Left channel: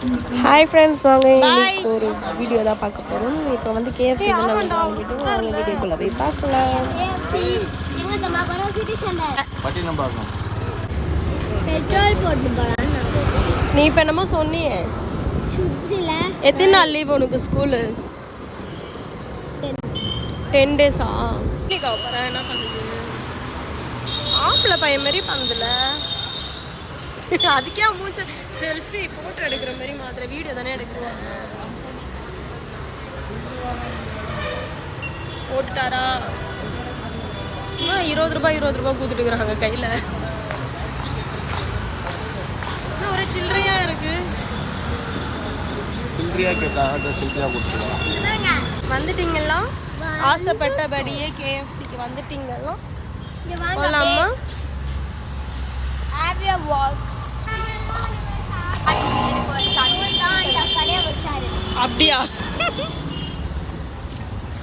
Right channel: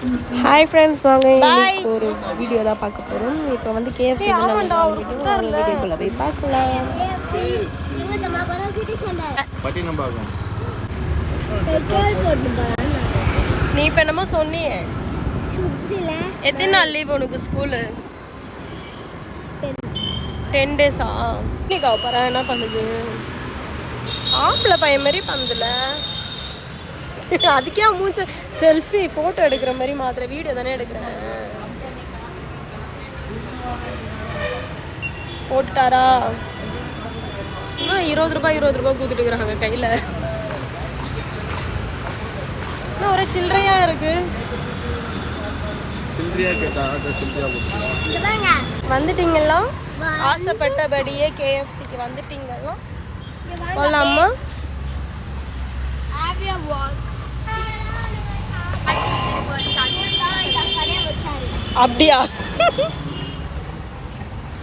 Hi friends, வாங்க இன்னைக்கு ஒரு வீடியோ தான் பார்க்க போகிறோம். இப்போ வந்து KFC தான் வீடியோக்குள்ளே போய் பார்க்கலாம். நீ இப்போ என்னமோ சொன்னியே, எத்தனை நாள் லீவ் உனக்கு ஸ்கூலு? 10 days போகிறேன். என்ன பண்ணுது? ஆம்பளை பையன் மாதிரி பண்ணுதுல. அதுக்கே மூச்சு செல்ஃபி ஃபோட்டோ எடுக்கிற மாதிரி மாத்திர வீடியோ தானே எடுக்கிறேன். போட்டுட்டாரா? 20 ரூபாய் கூத்துட்டு இருக்கிறாங்க கையில். இன்னும் ஒரே சில்லறையா இருக்கு. வந்துட்டீங்களா? ஆசைப்பட்டபடியே KFCக்கு வந்துட்டீங்களா? போகலாமா? அப்படியா?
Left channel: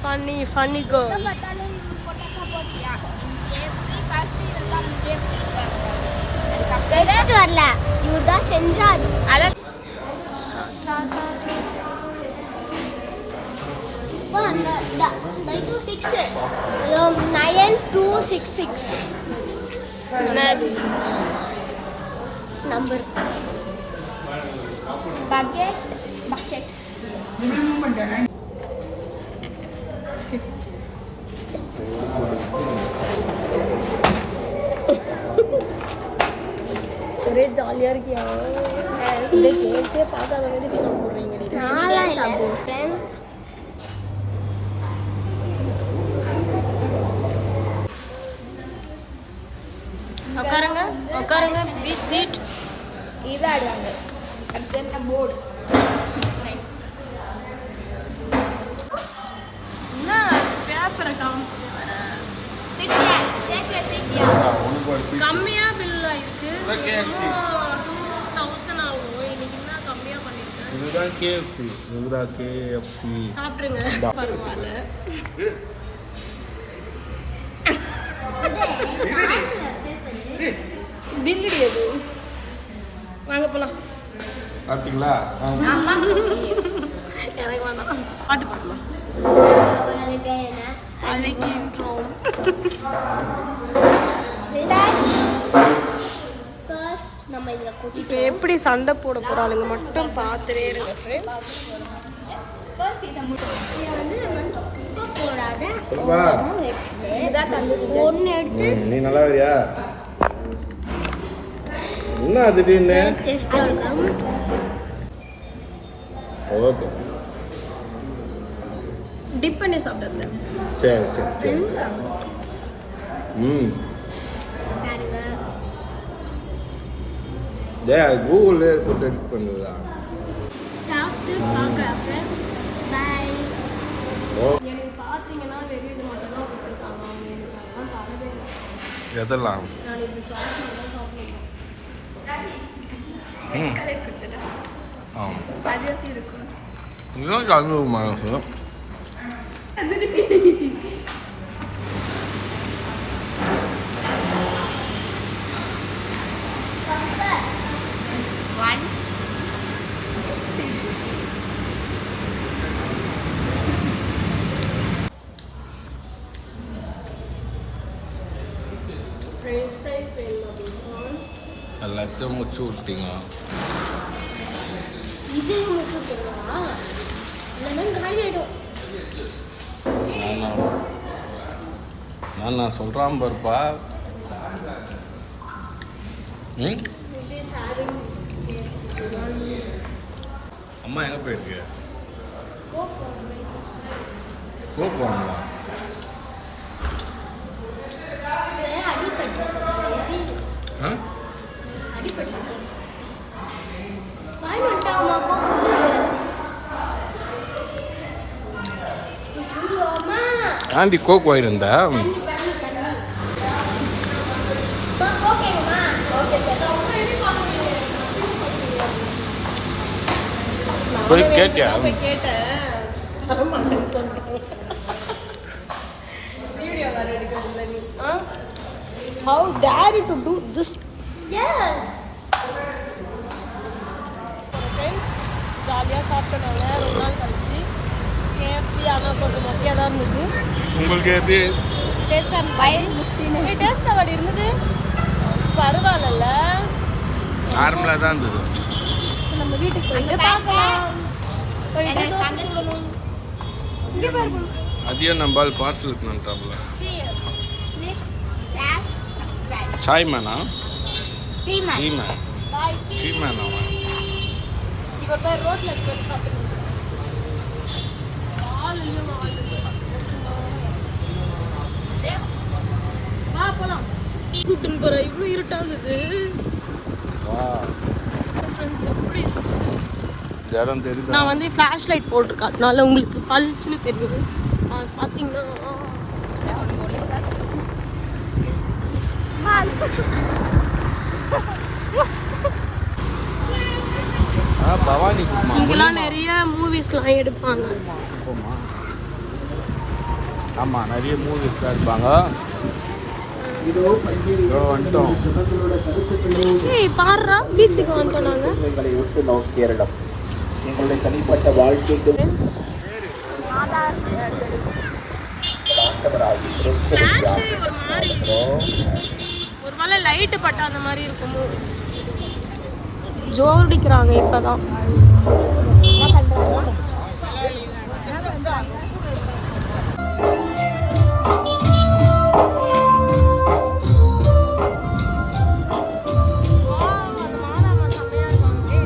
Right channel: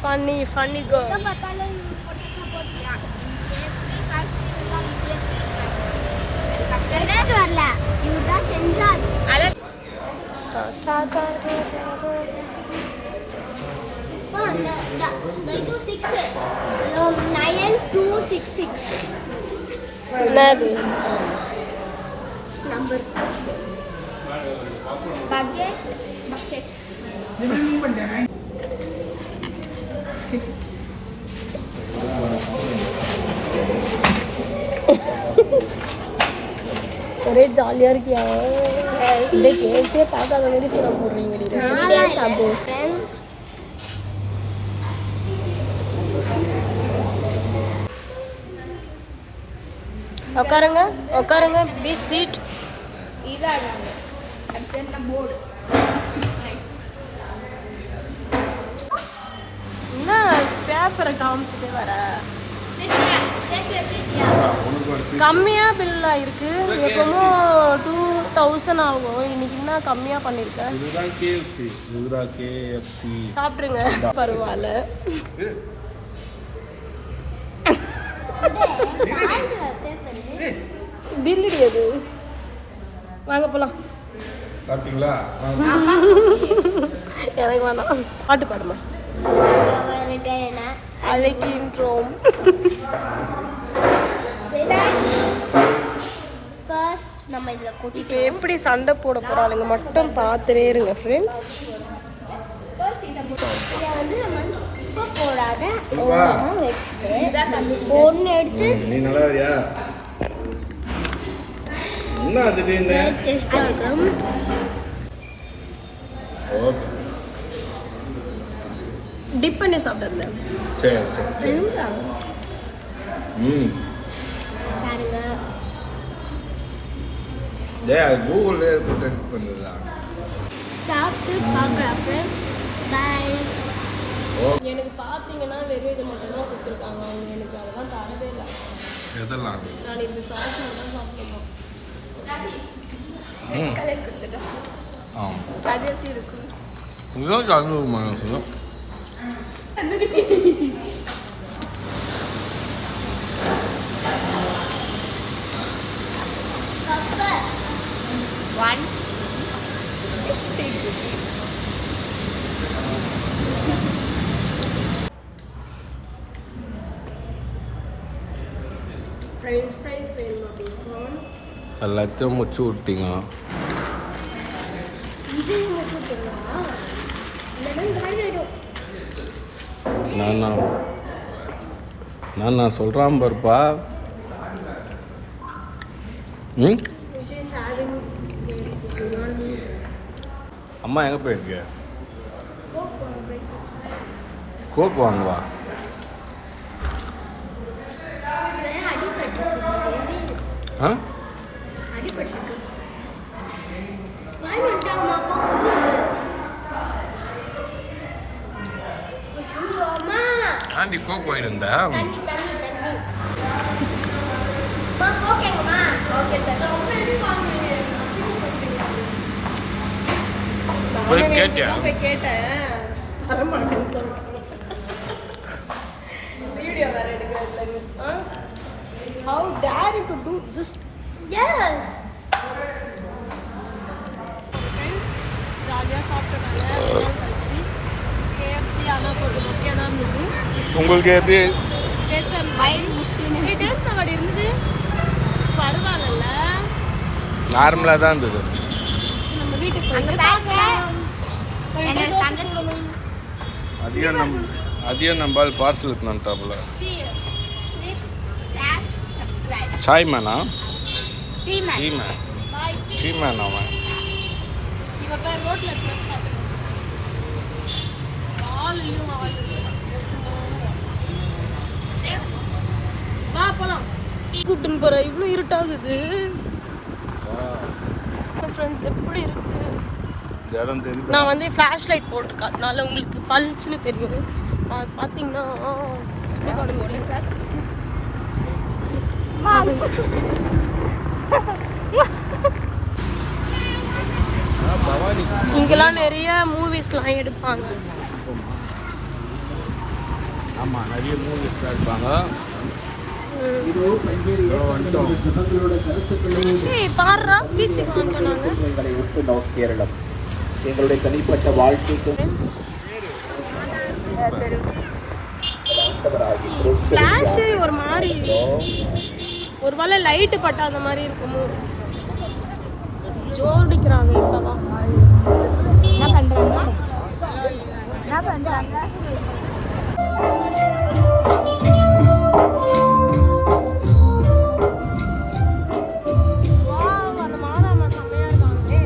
Funny girl. என்னது நம்பர்? ஒரே ஜாலியா இருக்கியா? இந்த கேஸே பார்க்காத மாதிரி சாப்பிடுறீங்க. உட்காருங்க. Be seat. என்ன பேப்பரை காமிச்சுட்டே வர? கம்மியா பில் ஆயிருக்கு. எப்போ 2000 ஆகும். என்ன கம்மியா பண்ணிருக்கேன். இதுதான் KFC. சாப்பிடுங்க, பரவாயில்ல. பில் எது? வாங்க போலாம். சாப்பிட்டீங்களா? எனக்கு வேணாம். பாட்டு பாடுமா? அழைக்கின்றோம். இப்போ எப்படி சண்டை போட போறாளுங்க மட்டும் பார்த்துட்டே இருங்க ஃப்ரெண்ட்ஸ். ஒன்று எடுத்து டிப் பண்ணி சாப்பிடுங்க. சரி. கூகுள்ல போட்டு பண்ணுதா? சாப்பிட்டு பார்க்கலாம் ஃப்ரெண்ட்ஸ். பை. எனக்கு பார்த்தீங்கன்னா வெறும் இது மட்டும் தான் கொடுத்துருக்காங்க. அவங்க எனக்கு அதெல்லாம் தரவே இல்லை. எதெல்லாம்? நான் இந்த சாஸ் மட்டும் சாப்பிடுவேன். அது எப்படி இருக்கும்? இதுதான் கலந்துருமா? ஃப்ரைஸ் வேணுமா? பேக்கன் எல்லாத்தையும் முடிச்சு விட்டீங்க. இதையும் முடிச்சு விட்டுங்களா? இல்லைன்னா காலியாயிடும். நான் சொல்கிறான் பாருப்பா. அம்மா எங்கே போயிருக்கு? கோக் வாங்குவா. ஆண்டி கோக் வாங்கிட்டு இருந்தா? போய் கேட்டியா? கேட்டேன், தரமாட்டேன்னு சொல்றேன். வீடியோ வேற எடுக்கிறேன். How dare you to do this? Yes. Friends, ஜாலியாக சாப்பிட்டனால ஒரு நாள் கழிச்சு கேஎஃப்சி ஆனால் கொஞ்சம் மொக்கையாக தான் இருந்தது. உங்களுக்கு எப்படி டேஸ்ட்டாக இருந்தது. டேஸ்ட்டாக அப்படி இருந்தது பரவாயில்ல, நார்மலாக தான் இருந்தது. நம்ம வீட்டுக்கு போயிட்டு பார்க்கலாம். போயிட்டு தோசை சுடணும். அதையும் நம்பால் பார்சல் எடுத்துனான்ட்டாப்புல. சாய் மேனா டீ மேன் அவன். இவட்ட ரோட்ல இருக்கிறது சாப்பிடுறோம். வால்லையும் வால் வா போலாம். கூப்பிட்டுன்னு போற இவ்வளோ இருட்டாகுது. ஃப்ரெண்ட்ஸ் எப்படி இருக்குது? நான் வந்து ஃப்ளாஷ் லைட் போட்டிருக்கேன், அதனால உங்களுக்கு பளிச்சுன்னு தெரியும். பார்த்தீங்கன்னா இங்கெல்லாம் நிறைய மூவிஸ்லாம் எடுப்பாங்க. ஆமாம், நிறைய மூவிஸ் எடுப்பாங்க. பாடுறா பீச்சுக்கு வந்துட்டோம் நாங்கள். உங்களுடைய தனிப்பட்ட வாழ்க்கைக்கு ஃப்ளாஷ் ஒரு மாதிரி, ஒரு வேளை லைட்டு பட்டா அந்த மாதிரி இருக்குமோ. ஜோடிக்கிறாங்க இப்பதான். அந்த மாதாமா செம்மையா இருக்காங்களே.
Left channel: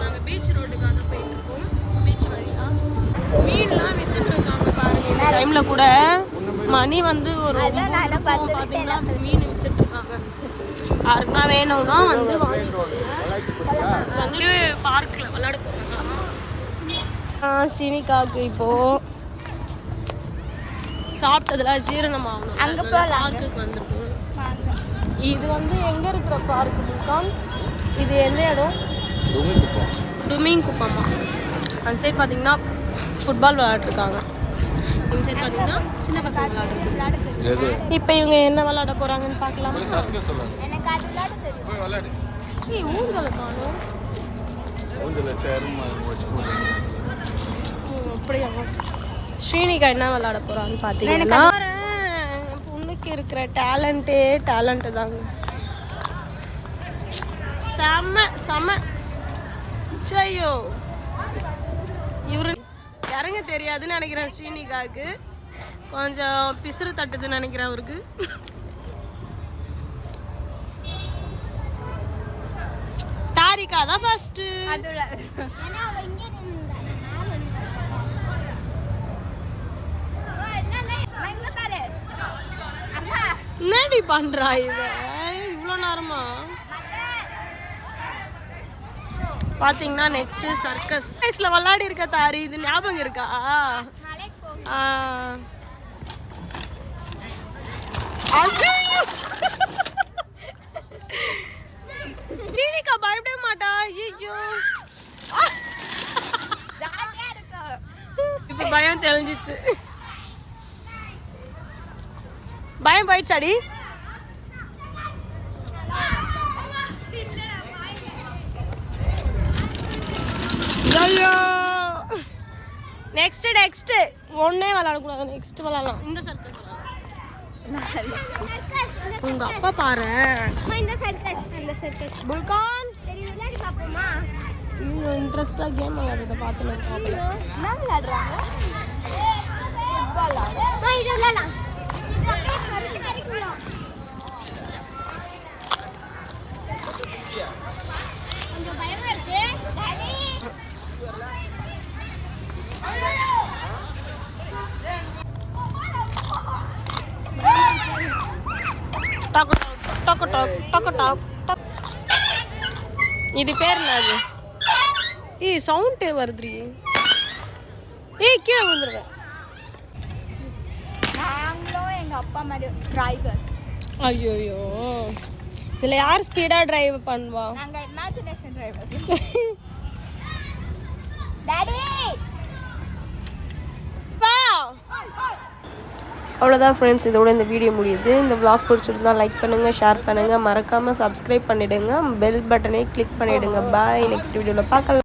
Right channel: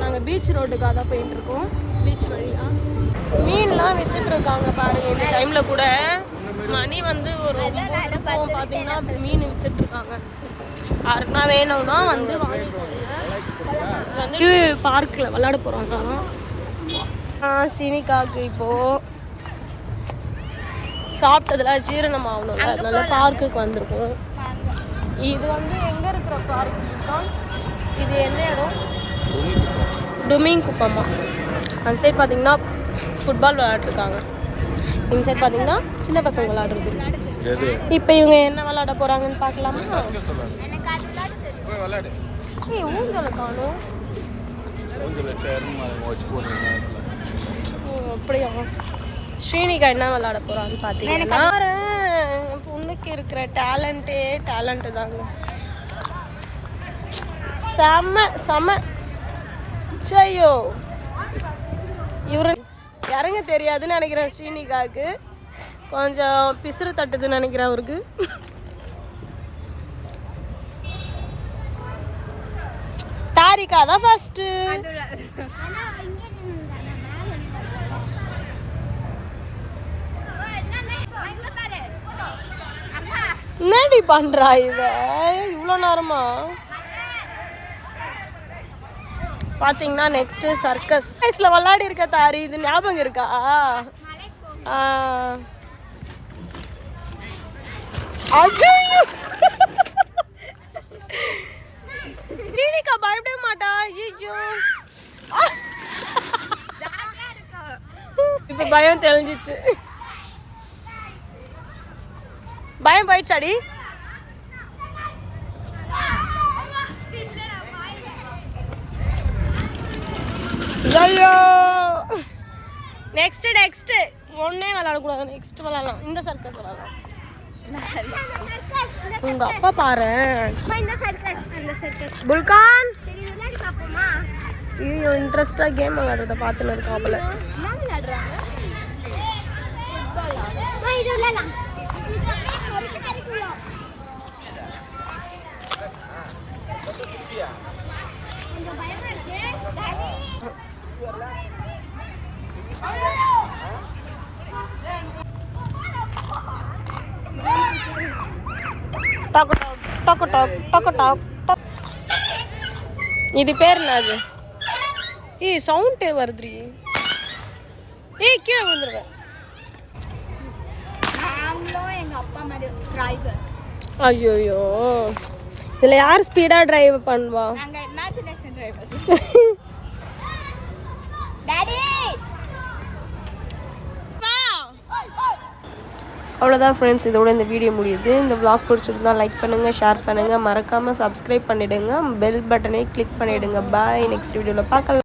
நாங்கள் பீச் ரோட்டுக்காக தான் போயிட்டு இருக்கோம். பீச் வழியா மீன்லாம் வித்துட்டு இருக்காங்க பாருங்க. இந்த டைம்ல கூட மணி வந்து ஒரு 9 இருக்கும். பார்த்தீங்கன்னா மீன் வித்துட்டு இருக்காங்க. யாருக்குனா வேணும்னா வந்து வாங்கிக்கோங்க. வந்து பார்க்கில் விளையாட போகிறாங்க. ஸ்ரீனிகாவுக்கு இப்போது சாப்பிட்டதெல்லாம் ஜீரணம் ஆகணும், அதனால பார்க்குக்கு வந்திருக்கோம். இது வந்து எங்கே இருக்கிற பார்க்கு புல்கான்? இது என்ன இடம்? டுமிங் குப்பமா. அந்த சைட் பார்த்தீங்கன்னா ஃபுட்பால் விளையாட்ருக்காங்க. இந்த சைட் பார்த்தீங்கன்னா சின்ன பசங்க விளையாடுறது. இப்போ இவங்க என்ன விளையாட போகிறாங்கன்னு பார்க்கலாமா? ஏய் ஊஞ்சலை காணும். அப்படியா? ஸ்ரீனிகா என்ன விளையாட போகிறான்னு பார்த்தீங்கன்னா என் பொண்ணுக்கு இருக்கிற டேலண்ட்டு தாங்க. செம சையோ. இவரு இறங்க தெரியாதுன்னு நினைக்கிறேன். ஸ்ரீனிகாவுக்கு கொஞ்சம் பிசுறு தட்டுதுன்னு நினைக்கிறேன் அவருக்கு. தாரிகா தான் ஃபர்ஸ்ட். என்னடி பண்றா இவ இவ்வளோ நேரமா? பாத்தீங்கன்னா நெக்ஸ்ட் சர்க்கஸ் வயசுல விளையாடி இருக்க தாரி. இது ஞாபகம் இருக்கா? அஜய்யோ ஸ்ரீனிகா பயப்பட மாட்டா. ஐயோ இப்ப பயம் தெரிஞ்சிச்சு. பயம் போயிடுச்சாடி? ஐயோ நெக்ஸ்ட் ஒன்னே விளையாடக்கூடாது. நெக்ஸ்ட் விளையாடலாம். இந்த சர்க்கஸ் விளையாடலாம். உங்க அப்பா பாரு புல்கான். ஐயோ இன்ட்ரெஸ்டா கேம் விளையாடுறத பார்த்துன்னு இருக்காப்புல. இது பேர் என்னது? ஏய் சவுண்டே வருதுரி. ஏய் கீழே வந்துருவேன். ஐயோ இதுல யார் ஸ்பீடா டிரைவ் பண்ணுவா? அவ்வளோதான் ஃப்ரெண்ட்ஸ், இதோட இந்த வீடியோ முடியுது. இந்த vlog பிடிச்சிருந்தா லைக் பண்ணுங்கள், ஷேர் பண்ணுங்கள், மறக்காமல் சப்ஸ்கிரைப் பண்ணிவிடுங்க, பெல் பட்டனை கிளிக் பண்ணிவிடுங்க. பாய், நெக்ஸ்ட் வீடியோவில் பார்க்கலாம்.